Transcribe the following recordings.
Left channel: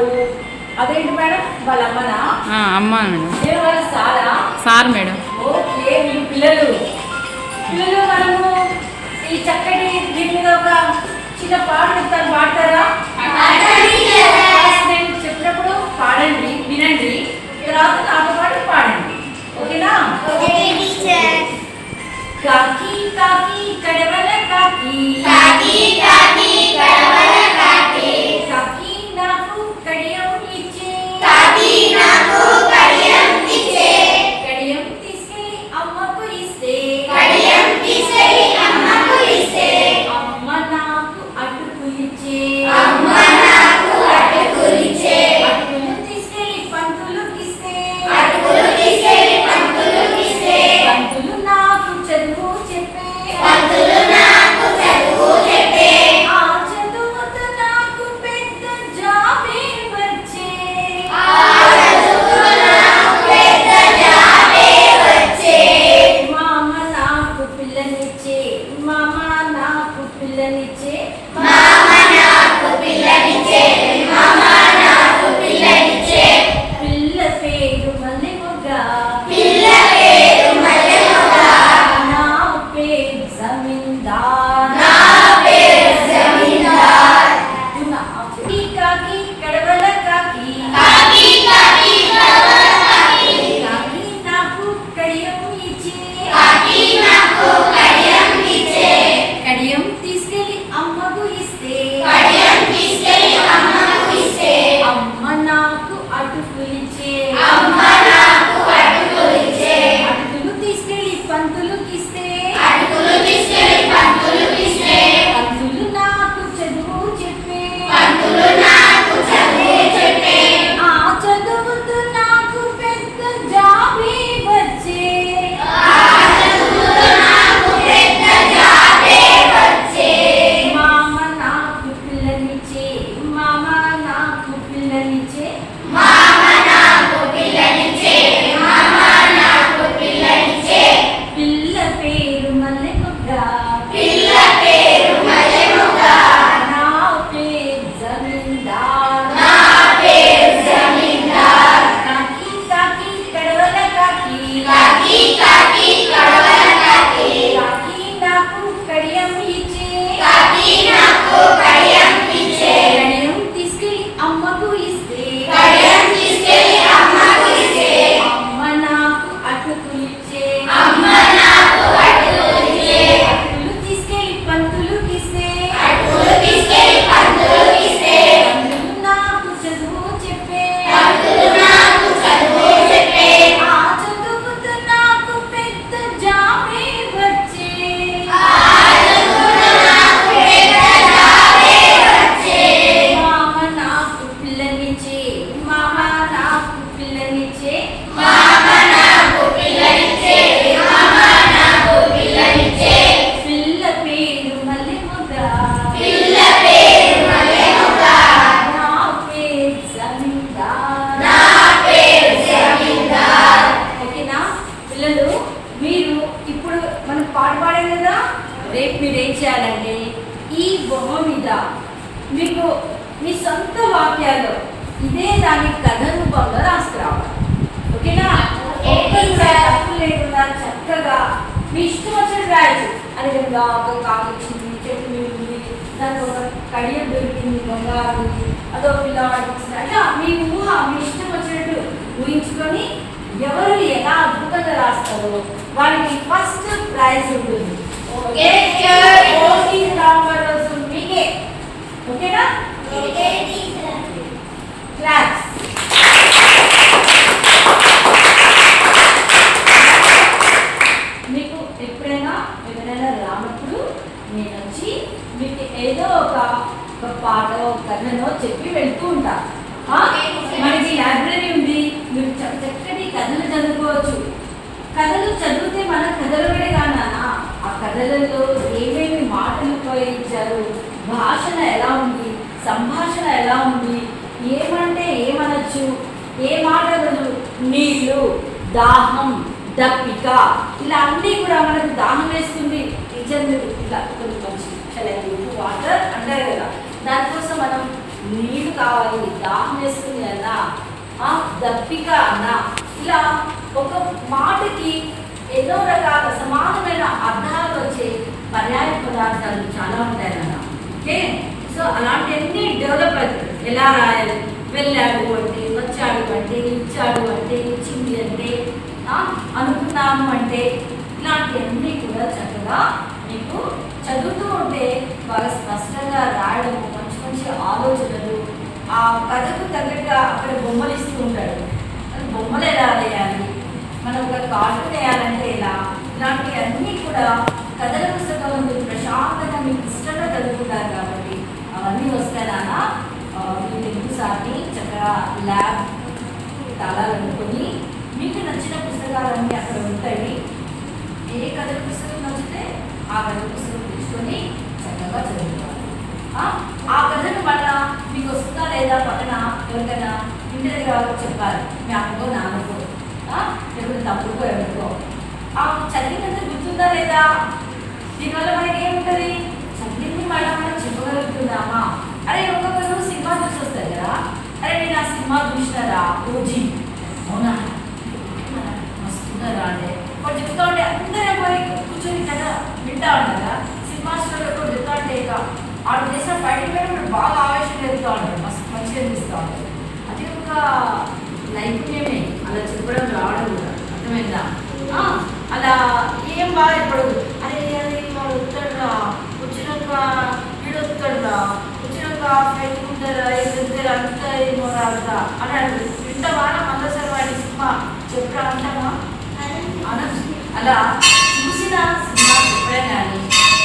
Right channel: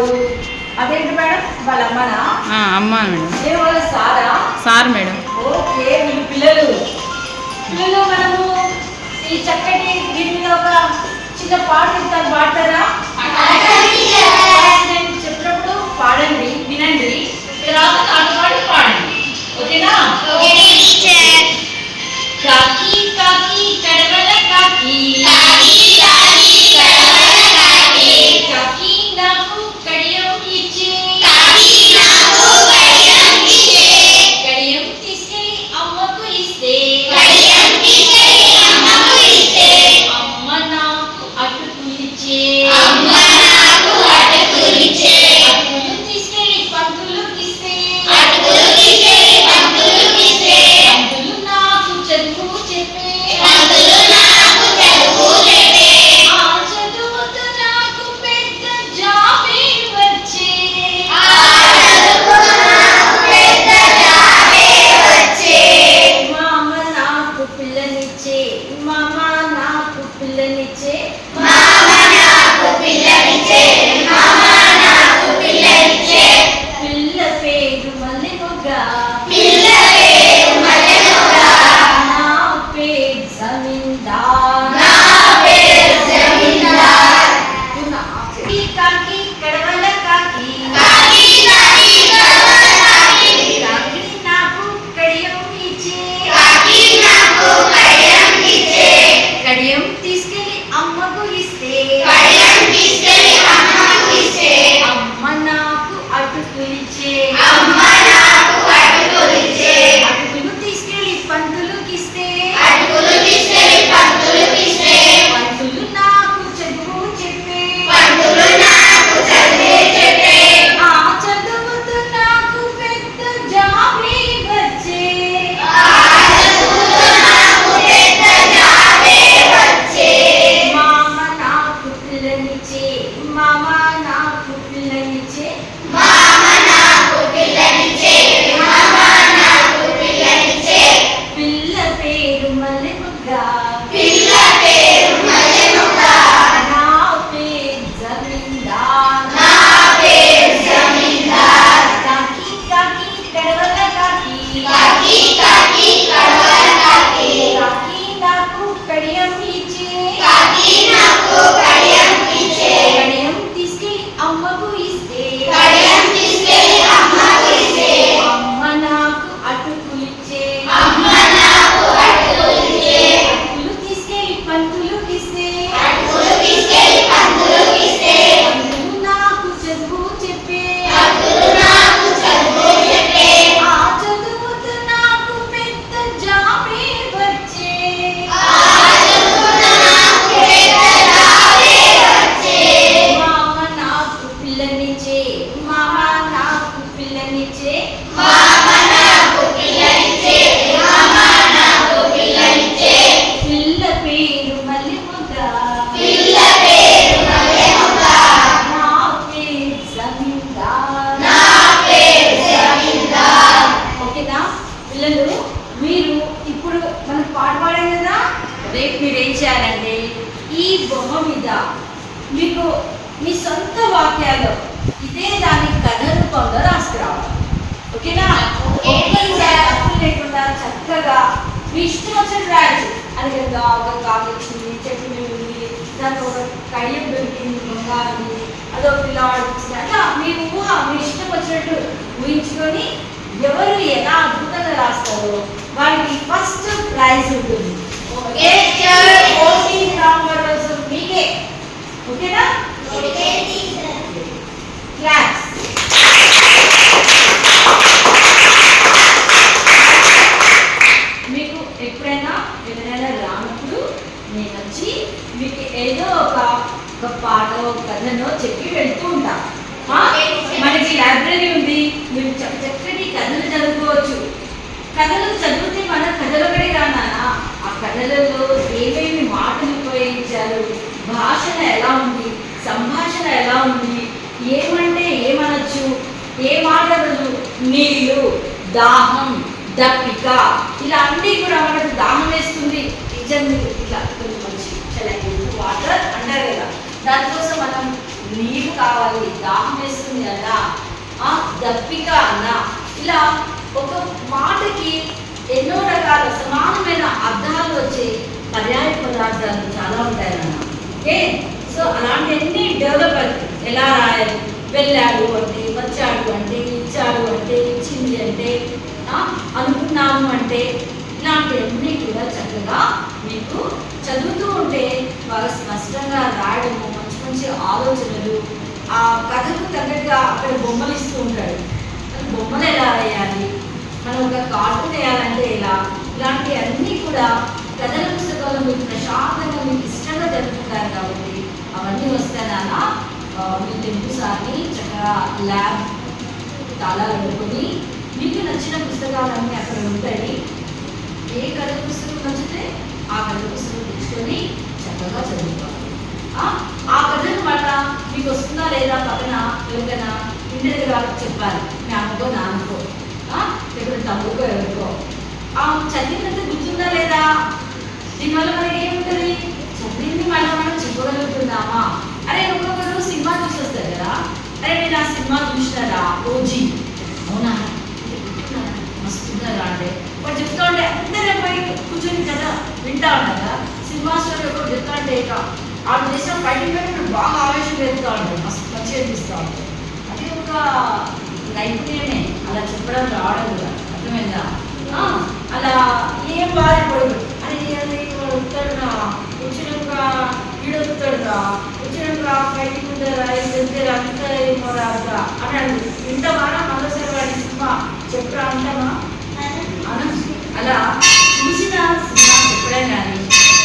ఎవరు? అదేంటి మేడం, వాళ్ళ అమ్మనా? అమ్మ మేడం. వాళ్ళ సారా? Sir madam. ఓకే, వీళ్ళు పిల్లలు. మనము ఈ చక్కటి దీని మీద ఒక చిన్న పాట చెప్తాను, పాడతారా? నేను చెప్పినప్పుడు పాడండి, వినండి, తర్వాత నాతో పాటు పాడండి. ఓకేనా? కాకి కాకి కడవల కాకి, కాకి నాకు కడియం ఇచ్చే, కడియం తీసుకెళ్ళి అమ్మకు ఇస్తే, అమ్మ నాకు అటుకులిచ్చే, అటుకులు తీసుకెళ్ళి పంతులుకి ఇస్తే, పంతులు నాకు చదువు చెప్పే, ఆ చదువుతో నాకు పెద్ద జాబే వచ్చే, మామ నాకు పిల్లనిచ్చే, మామ నాకు పిల్లనిచ్చే, పిల్ల పేరు మల్లె మొగ్గ, నా పేరు జమీందార్, కాకి కడవల కాకి, కాకి నాకు కడియం ఇచ్చే, కడియం తీసుకెళ్ళి అమ్మకు ఇస్తే, అమ్మ నాకు అటుకులిచ్చే, అటుకులు తీసుకెళ్ళి పంతులుకి ఇస్తే, పంతులు నాకు చదువు చెప్పే, ఆ చదువుతో నాకు పెద్ద జాబే వచ్చే, మామ నాకు పిల్లనిచ్చే, మామ నాకు పిల్లనిచ్చే, పిల్ల పేరు మల్లె మొగ్గ, నా పేరు జమీందార్, కాకి కాకి కడవల కాకి, కాకి నాకు కడియం ఇచ్చే, కడియం తీసుకెళ్ళి అమ్మకు ఇస్తే, అమ్మ నాకు అటుకులిచ్చే, అటుకులు తీసుకెళ్ళి పంతులుకి ఇస్తే, పంతులు నాకు చదువు చెప్పే, ఆ చదువుతో నాకు పెద్ద జాబే వచ్చే, మామ నాకు పిల్లనిచ్చే, మామ నాకు పిల్లనిచ్చే, పిల్ల పేరు మల్లె మొగ్గ, నా పేరు జమీందార్. ఓకేనా పిల్లలు? మీరు ఇప్పుడు మనం పాట పాడాం కదా, రేపు మీరు ఏం చేయాలంటే ఈ బొమ్మ మీద మీకు మీ సొంత వాక్యాలు ఇదే దాని కథ రూపంలో రాసుకురావాలి. ఓకేనా? ఒక్కరు కూడా తప్పు లేకుండా చక్కగా మీ ఇష్టం వచ్చినట్టు రాయచ్చు. అది కదా ఒక కాకి వచ్చింది, చెట్టు ఉంది, దానికి ఒక కడియం దొరికింది, బంగారు ఉంది, అదో పిల్లవాడు వచ్చింది, అట్లా మీ ఊహ మీ ఇష్టం వచ్చినట్టు ఊహించుకొని ఎవరు ఎలా అద్భుతంగా రాస్తారో వాళ్ళకి ఫస్ట్ ప్రైజ్ ఉంటుంది. రోజు మీకే. ఓకేనా? క్లాస్. మీకు ఎప్పుడైనా రానప్పుడు నేను వచ్చి మీకు ఏదో ఒక పాటో కథనో చెప్పి వెళ్తూ ఉంటా. మనకి లైబ్రరీ ఉంది, మీరు చక్కటి కథలు చదువుకోవచ్చు. కథలు చదివితే మన కథలుడే కానా ఆ కథలలో ఏమేమి మాటలు ఉపయోగించారు, భాషణ ఎలా ఉంది, సంభాషణ ఎలా ఉంది, ఏమంటే ఏమనొచ్చు, ఏ మాటలు, నీళ్ళు, దాహం, దప్పిక, ఇలా అన్నీ కూడా మనకు దాహం వేస్తుంది. నిజం ఇట్లా మంచి చల్లటి వాటర్ అంటారు కదా, దానికోసం మనం నీరు కావాలి, దాహం వేస్తుంది అన్నా, దప్పిక అన్నా, ఇలా ఒక మాటకి ఎన్నో రకాల సమానమైన అర్థాలు వచ్చే పర్యాయ పదార్థాలు చాలా ఉంటాయి అన్న. ఓకే, సో అలాంటివన్నీ డెవలప్ అవుతుంది. ఎలా రాయాలి? వెళ్ళాడు అంటే, వచ్చాడు అంటే, ఇచ్చాడు అంటే, ఇచ్చింది అంటే, అనుకున్నాము అంటే, ఇలాంటివన్నీ కూడా చక్కగా మీకు చదువుతూ ఉంటే బాగా స్పష్టంగా రాయడం, మంచి మంచి ఆలోచనలు, ఆ కథకు తగ్గట్టుగా అక్కడ బొమ్మలు ఇస్తూ ఉంటాడు. బొమ్మలు ఎలా వేయాలి, మనం ఒక కార్టూన్ వేయాలంటే ఇలా, ఇలాంటి అన్నీ కూడా కథల పుస్తకాలు మీరు ప్రశాంతంగా మీకు ఇష్టంగా జరుపుకుంటారు కాబట్టి అవన్నీ వస్తాయన్నా. మీరు ఇంకోసారి చక్కగా ల్యాబ్ తాళా పెట్టుకొని మీకు నచ్చిన పుస్తకాలన్నీ అక్కడ ఉంటాయి. ఏ కథల పుస్తకం నచ్చితే ఆ కథల పుస్తకం తెచ్చుకొని చక్కగా చదువుకోవాలి. ఆ కథను మళ్ళా మీకు వస్తుందా లేదా పక్కన ఎవరికైనా ఇంటి దగ్గర చెప్పాలి, మీ అమ్మకో నాన్నకో, ఎప్పుడు తమ్ముకో ఎవరికో. చదివినంత గుర్తుందా లేదా? దీనివల్ల మనకి ఏముంటుంది? చదివింది మళ్ళీ మనం చెప్పగలుగుతున్నామా? అరే ఒక్కొక్కరు సినిమా చూసి వస్తారు కదా, అరే నేను ఆ సినిమా చూసినారా, ఓజీ, అవునా మస్తున్నారా అంటే వాడు చెప్తా ఉంటే అందరూ పోయి కూర్చొని కదా వింటా ఉంటారా. సినిమా స్టోరీ ఎప్పుడు చెప్తా ఉంటే ఇక ఆడు చేసిన ఫైటింగ్ కూడా బాగా ఆవేశం పెరుగుతూ ఉంటారు, మస్తు మంచిగా అనిపిస్తూ ఉంటారు. అది ఒక నైపుణ్యమే, అలా చెప్పడం రావడం కూడా. అర్థమైందా? అలా ఏం బాగా చెప్పడు. అరే అది వాడు వస్తాడురా, వచ్చినాక వీడు వస్తాడురా, వచ్చినాక ఫైటింగ్ ఉంటారా, వెళ్తారా, అంతా ఏమో రాదా అన్నాడు. ఇంత బాగా మరోసారి వాడి సినిమా చెప్పురా ఉంటామా అలా చూసిన సినిమా చెప్పడం కానీ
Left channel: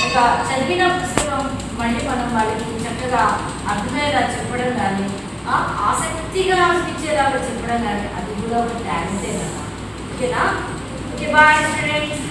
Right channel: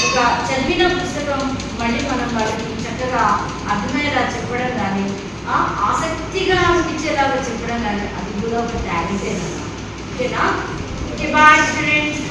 ఒక చదివిన పుస్తకం మళ్ళీ మనం వాళ్ళకి చక్కగా అర్థమయ్యేలా చెప్పడం కానీ ఆసక్తిగా అనిపించేలాగా చెప్పడం కానీ అది కూడా ఒక టాలెంటే కదా. ఓకేనా? Okay, bye students.